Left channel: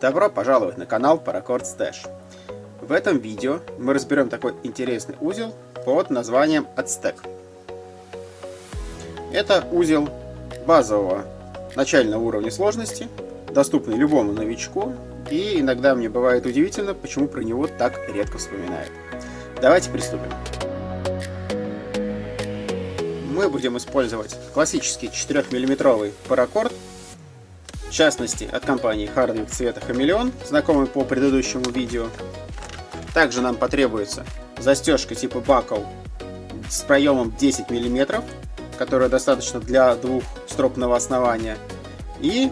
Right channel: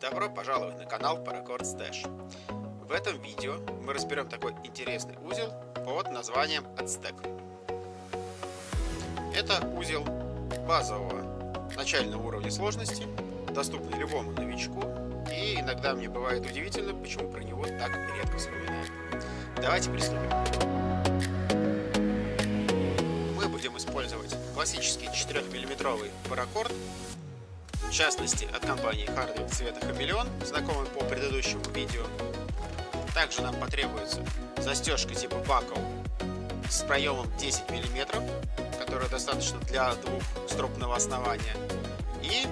Добро пожаловать на канал Paracord Stash. В этом видео мы разберем такой интересный узел под названием Aztec. Это узел базового начального уровня сложности, доступный любому новичку, и иногда мне бывает удивительно, почему про него так редко вспоминают. Давайте приступим. Мы будем использовать классический 4-мм паракорд, в частности от компании Hardwick цвета Хамелеон, знакомый по предыдущему видео. Также нам потребуется застежка типа бакл с проемом 10 мм, которая достаточно для двухстропного основания. И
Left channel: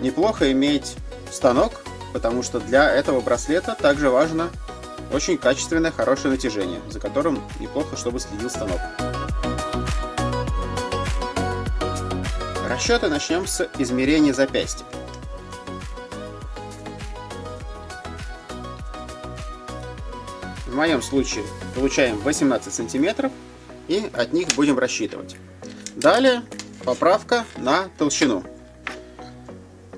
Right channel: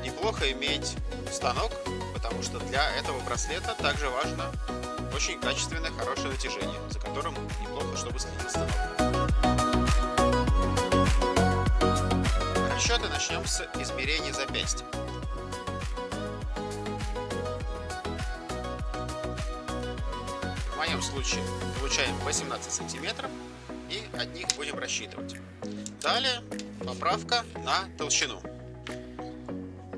неплохо иметь станок, потому что для этого браслета также важно очень качественное, хорошее натяжение, за которым неплохо, чтобы следил станок. Расчеты начнем с измерения запястья. В моем случае получаем 18 сантиметров и от них будем рассчитывать. Далее поправка на толщину.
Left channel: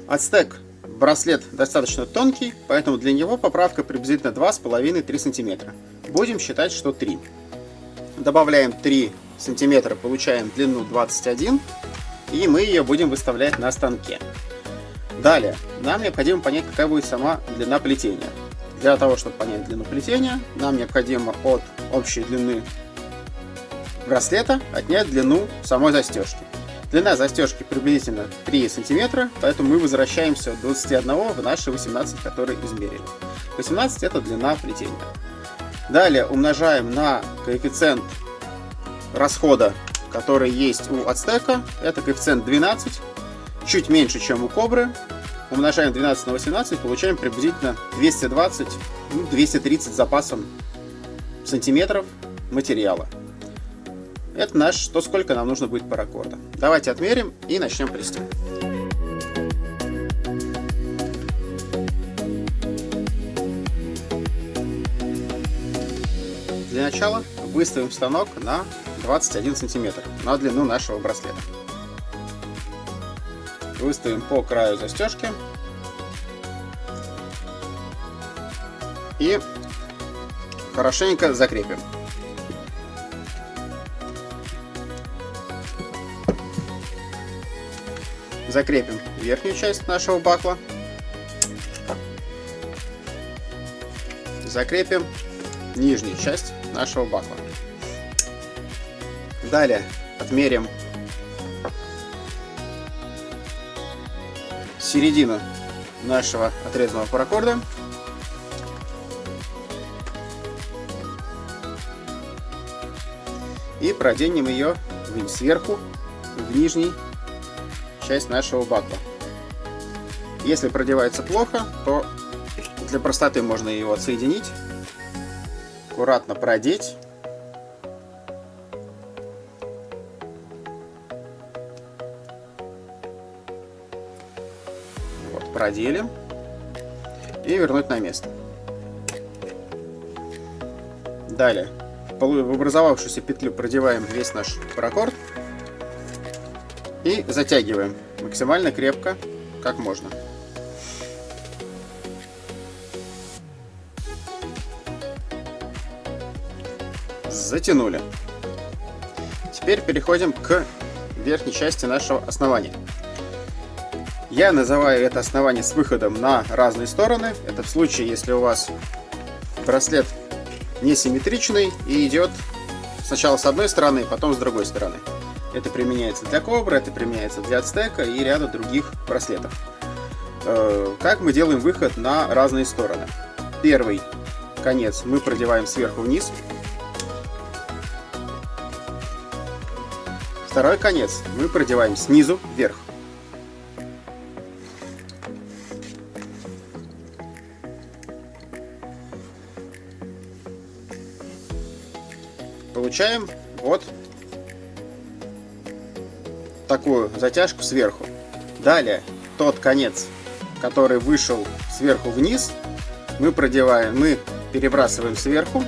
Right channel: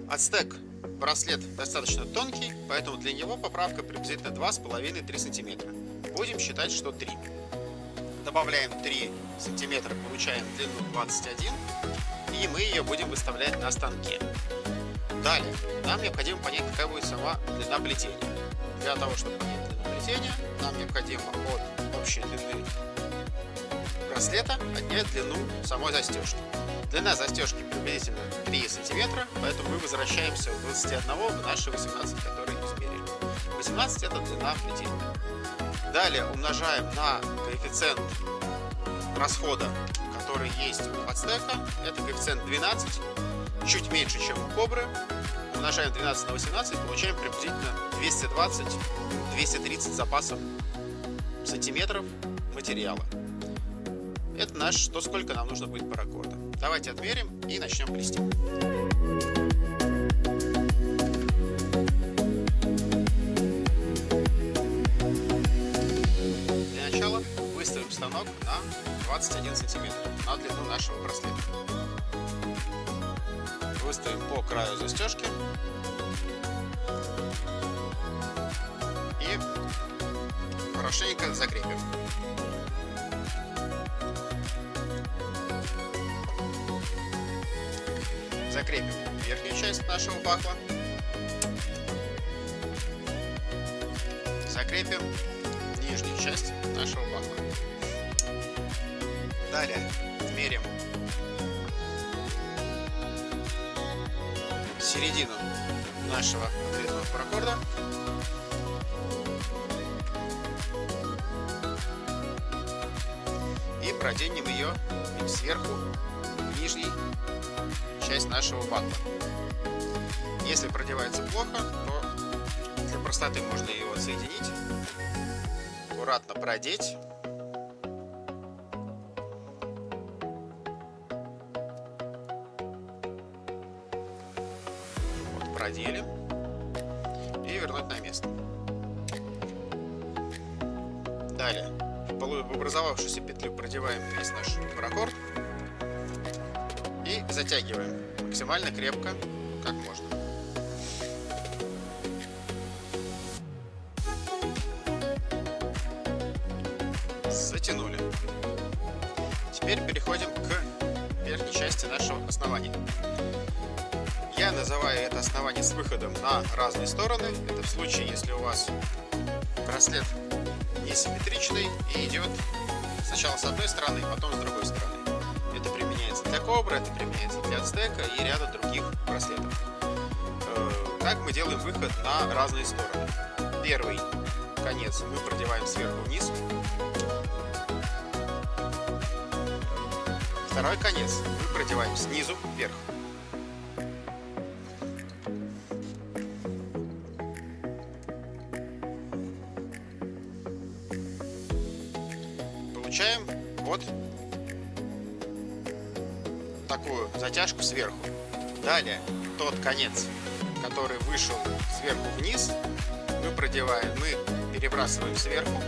Aztec браслет достаточно тонкий, поэтому для него поправка приблизительно 2,5-3 сантиметра. Будем считать, что 3. Добавляем 3 сантиметра, получаем длину 21. И мы ее будем выставлять на станке. Далее, нам необходимо понять, какая будет сама длина плетения. Для того, чтобы понять длину плетения, нам необходимо от общей длины браслета отнять длину самой застежки. Длина застежки приблизительно 3 см, поэтому мы возвращаемся от 21 в наши 18, которые измерили. 18 это длина плетения. Далее умножаем на коэффициент расхода, который есть у Aztec, это коэффициент 12, чуть меньше, чем у Кобры. Умножаем 12 на 18, получаем приблизительно 220-230 запасом сантиметров материала. Это то, сколько нам нужно будет паракорда. Давайте отмерим и начнем плести. Для начала выставим станок на 21 сантиметр на длину нашего браслета. Выставим по краю застежки и хорошенько закрепим. Закрепим верхнюю часть нашего бакла. Закрепим нижнюю часть нашего бакла. Далее отмерим середину нашего отрезанного паракорда. И проденем ее сверху в нижнюю часть нашего бакла. Если продевается плохо, то для простоты можно его отсоединить, аккуратно продеть. Проделим и вернуть на место. Далее в образовавшуюся петлю продеваем весь наш паракорд и затягиваем максимально крепко, как можно. Затянули. Теперь переходим к верхней части нашего основания. Я называю это основание с выходом на разные стороны. Это в случае, если у вас браслет несимметричный и идет сначала с одной стороны, потом с другой стороны. Это применяется для Кобры, это применяется для Aztec и ряда других браслетов. Как мы делаем выход на разные стороны? Первый конец мы продеваем сверху вниз. Второй конец мы продеваем снизу вверх. Получаем вот такую затяжку сверху. Далее тот конец, который вышел сверху вниз, мы перебрасываем сверху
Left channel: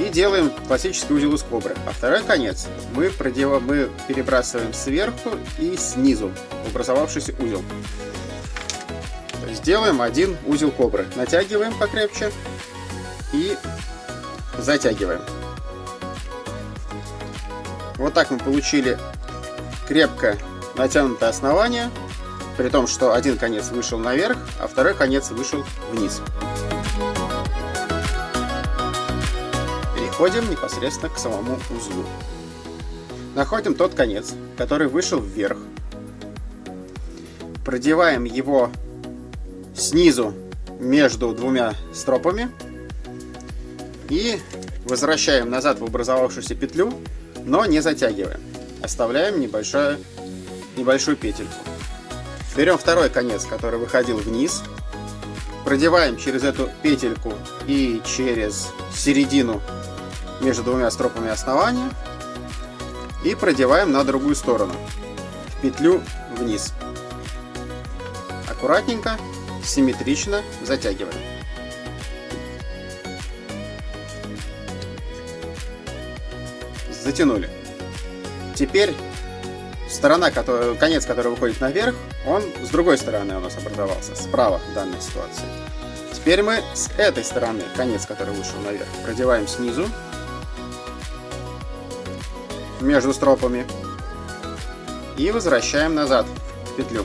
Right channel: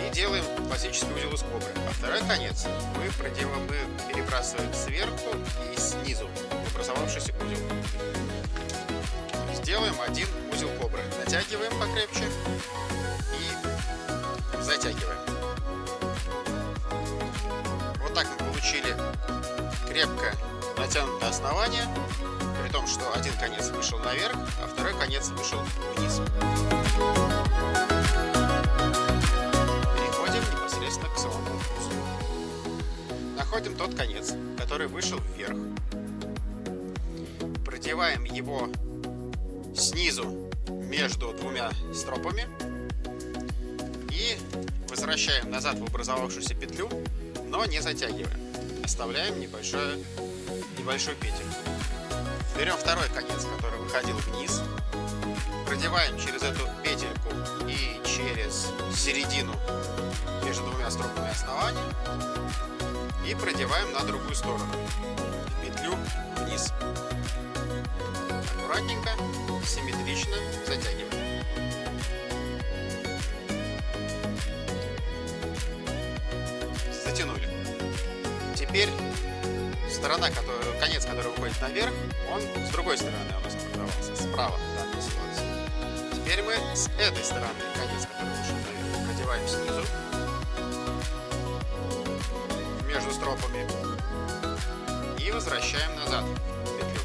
и делаем классический узел из Кобры. А второй конец мы перебрасываем сверху и снизу в образовавшийся узел. делаем один узел кобры. Натягиваем покрепче и затягиваем. Вот так мы получили крепко натянутое основание, при том, что один конец вышел наверх, а второй конец вышел вниз. Переходим непосредственно к самому узлу. Находим тот конец, который вышел вверх. Продеваем его снизу между двумя стропами и возвращаем назад в образовавшуюся петлю, но не затягиваем. Оставляем небольшую петельку. Берем второй конец, который выходил вниз, продеваем через эту петельку и через середину между двумя стропами основания и продеваем на другую сторону, в петлю вниз. Аккуратненько, симметрично затягиваем. Затянули. Теперь конец, который выходит наверх, он с другой стороны у нас образовался, справа в данной ситуации. Теперь мы с этой стороны конец, который вышел наверх, продеваем снизу между стропами и возвращаем назад в петлю.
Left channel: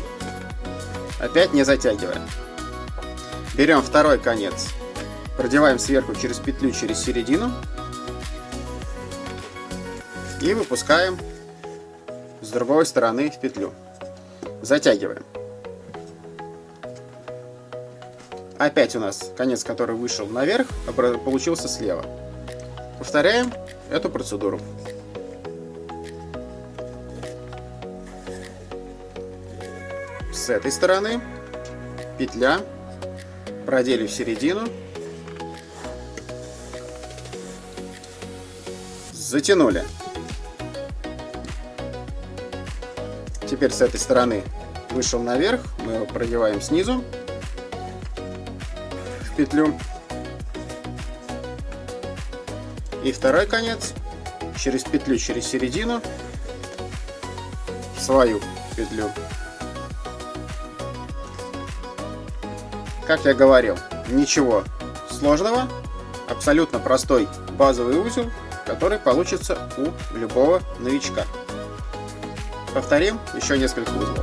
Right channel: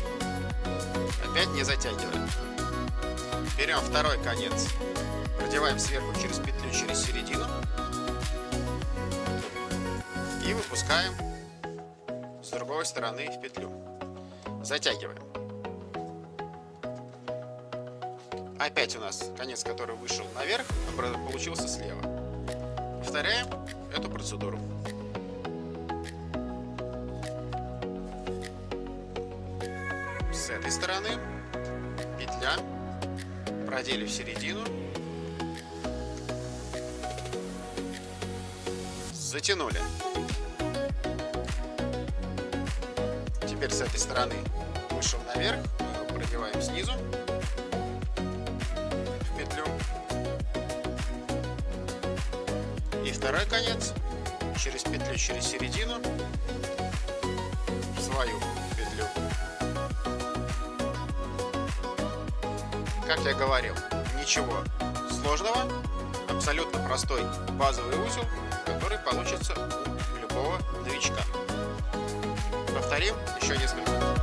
Опять не затягиваем. Берем второй конец, продеваем сверху через петлю, через середину и выпускаем с другой стороны в петлю. Затягиваем. Опять у нас конец, который вышел наверх, получился слева. Повторяем эту процедуру. С этой стороны петля, продели в середину, затянули. Теперь с этой стороны вышел наверх, мы его продеваем снизу в петлю. И второй конец через петлю, через середину в свою петлю. Как я говорил, ничего сложного, абсолютно простой базовый узел, который получится у любого новичка. Повторим еще несколько узлов.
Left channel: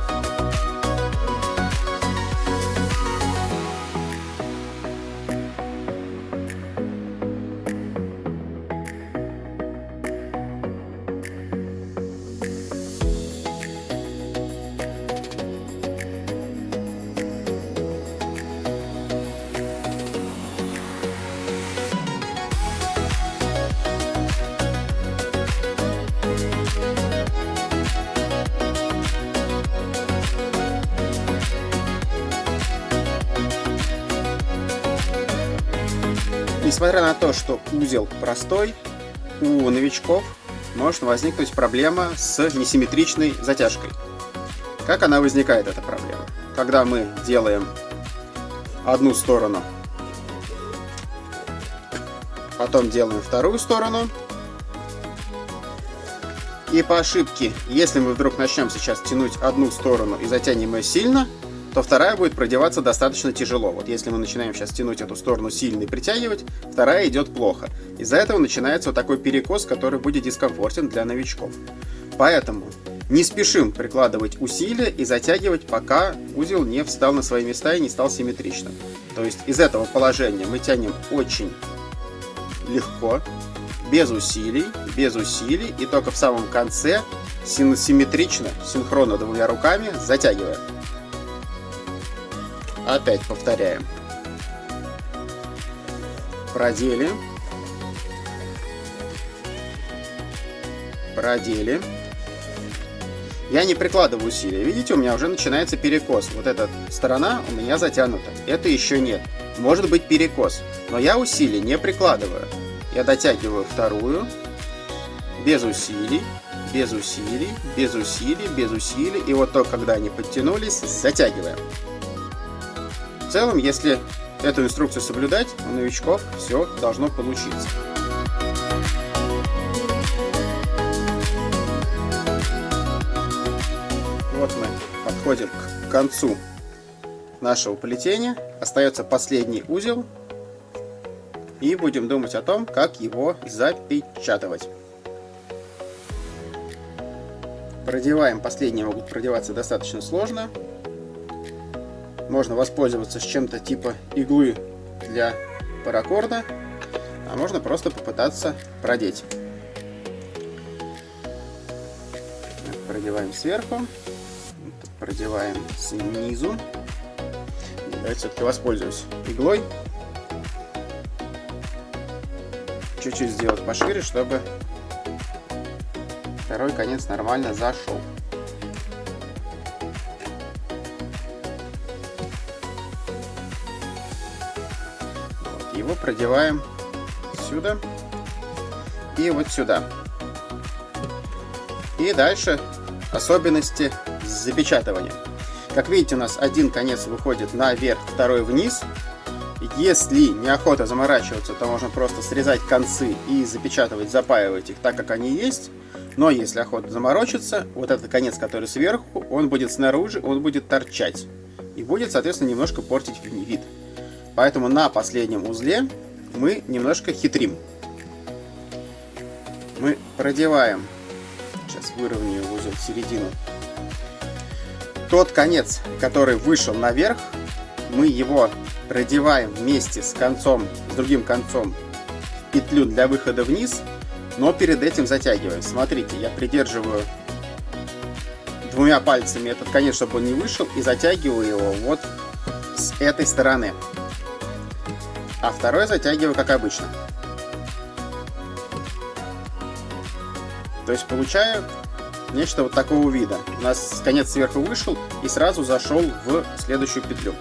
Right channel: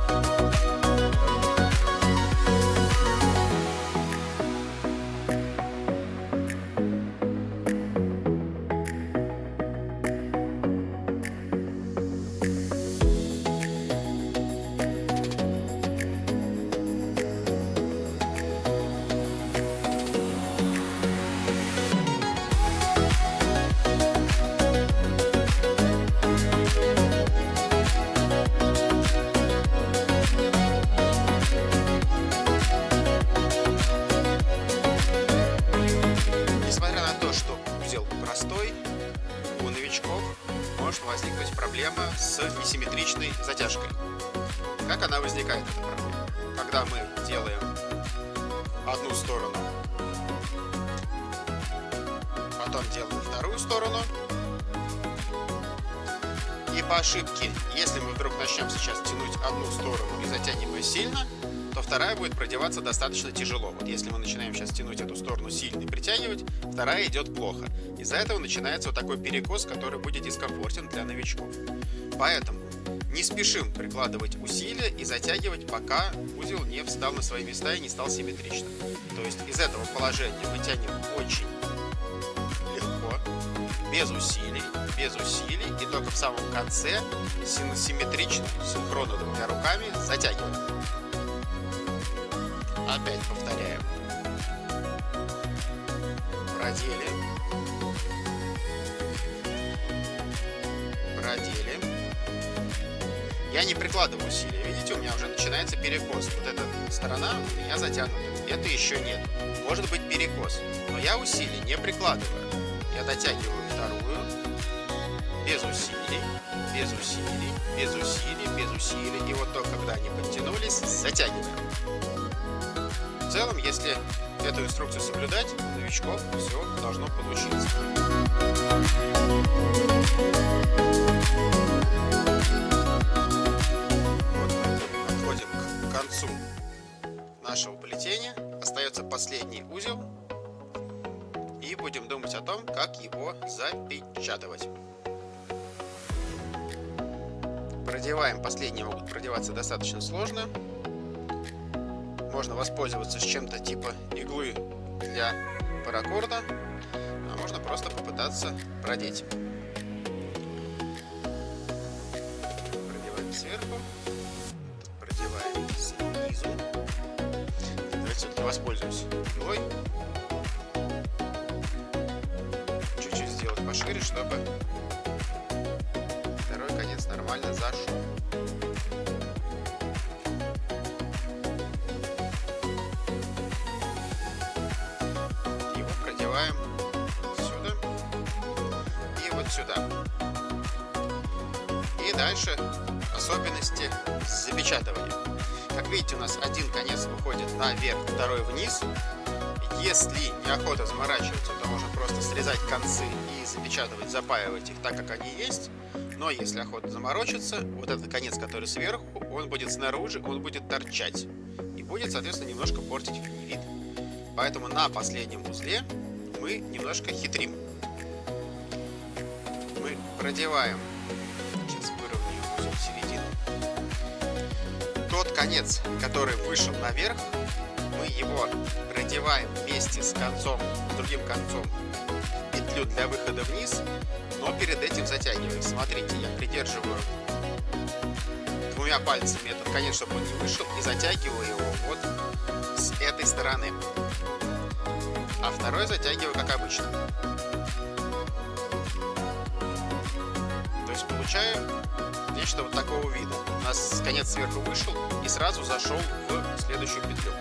Несмотря на то, что узел простой, у новичков может возникнуть проблема с несимметричной затяжкой. Как она возникает, эта проблема? Когда мы делаем одну сторону, потом делаем вторую сторону, и по ошибке, если мы вдруг начнем сейчас тянуть одну сторону и затянем ее сильно, то вторая будет продеваться достаточно тяжело. Вот если мы начинаем сейчас тянуть эту сторону сильно и притягивать, вторая идет плохо. Из-за этого начинается вот такой перекос, который будет дискомфортен для новичков. Поэтому не спешим прикладывать усилия и затягивать, пока узел не встал на свои места и не стал симметричным. То есть из этого положения мы тянем очень легко, без усилий, и только в самом конце симметрично, синхронно двумя руками затягиваем. Опять повторяем. Продели. Продели. Я не прикладываю усилия. Видите, у меня уже начинается перекос. Вот эта сторона у меня затянута. Это еще нет. Может быть перекос. Но я усилий не прикладываю. Я дотягиваю вторую. Без усилий. Без усилий. Без усилий. Без усилий. И вот только когда они подтянулись, затягиваем. В целом, если эту инструкцию соблюдать, у новичков все должно получиться. Вот мы подходим к концу нашего плетения. Остается последний узел. И будем думать о том, как его запечатывать. Продеваем. Последние могут продеваться достаточно сложно. Можно воспользоваться с чем-то типа иглы для паракорда, а можно просто попытаться продеть. Продеваем сверху, продеваем снизу. Давайте все-таки воспользуюсь иглой. Чуть-чуть сделать пошире, чтобы второй конец нормально зашел. Его продеваем сюда и вот сюда. И дальше особенности запечатывания. Как видите, у нас один конец выходит наверх, второй вниз. Если неохота заморачиваться, то можно просто срезать концы и запечатывать, запаивать их так, как они есть. Но если охота заморочиться, вот этот конец, который сверху, он будет снаружи, он будет торчать. И будет, соответственно, немножко портить вид. Поэтому на последнем узле мы немножко хитрим. Мы продеваем, сейчас выровняю узел в середину, тот конец, который вышел наверх, мы его продеваем вместе с концом, с другим концом, петлю для выхода вниз, но перед этим затягиваем. Смотрите, я придерживаю двумя пальцами этот конец, чтобы он не вышел, и затягиваю его вот с этой стороны. А второй затягиваю как обычно. То есть получаю нечто вот такого вида. У нас конец сверху вышел и сразу зашел в следующую петлю.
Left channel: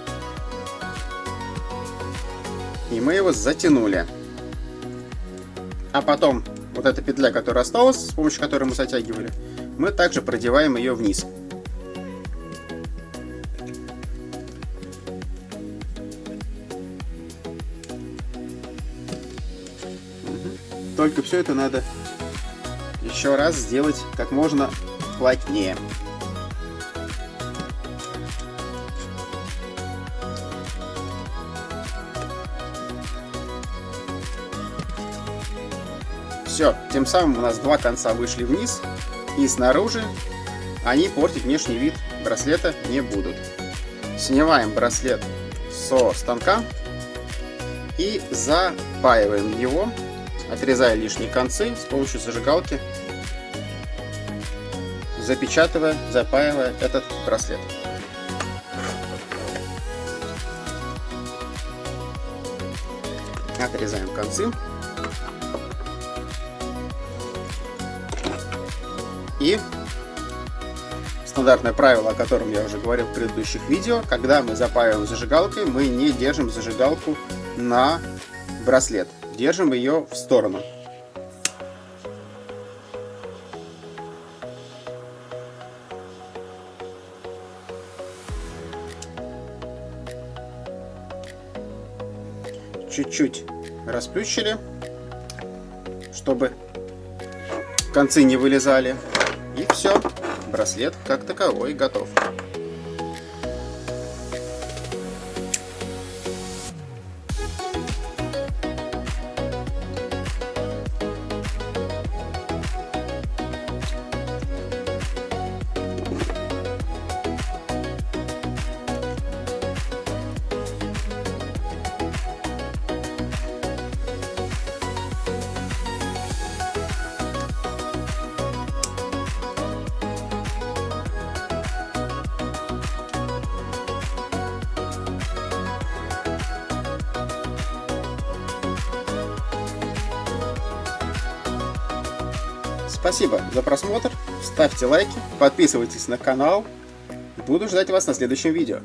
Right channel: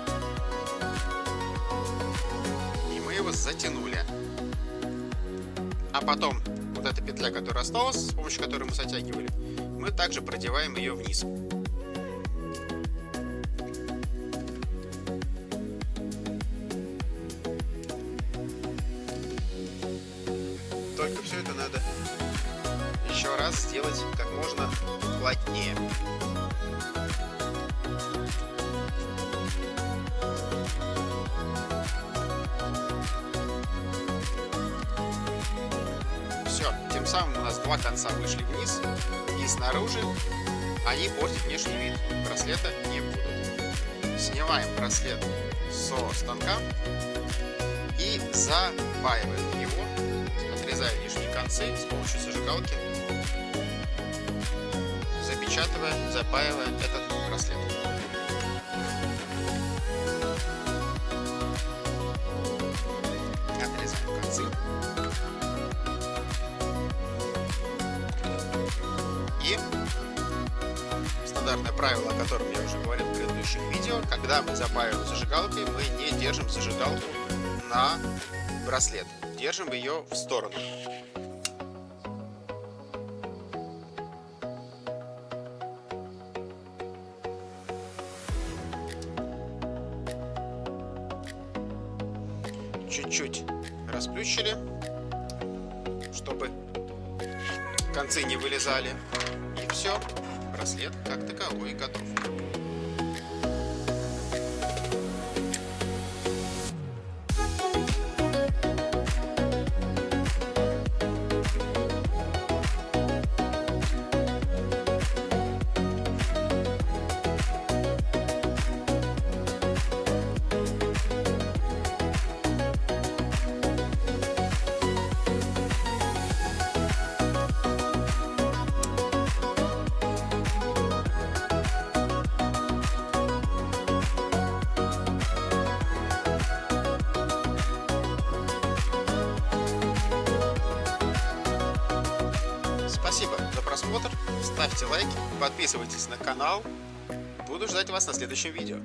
И мы его затянули. А потом вот эта петля, которая осталась, с помощью которой мы затягивали, мы также продеваем ее вниз. Только все это надо еще раз сделать как можно плотнее. Все, тем самым у нас два конца вышли вниз, и снаружи они портить внешний вид браслета не будут. Снимаем браслет со станка и запаиваем его, отрезая лишние концы с помощью зажигалки, запечатывая, запаивая этот браслет. Отрезаем концы. И стандартное правило, о котором я уже говорил в предыдущих видео: когда мы запаиваем зажигалкой, мы не держим зажигалку на браслет, держим ее в сторону. Чуть-чуть расплющили, чтобы концы не вылезали. И все, браслет как таковой готов. Спасибо за просмотр, ставьте лайки, подписывайтесь на канал. Буду ждать вас на следующем видео.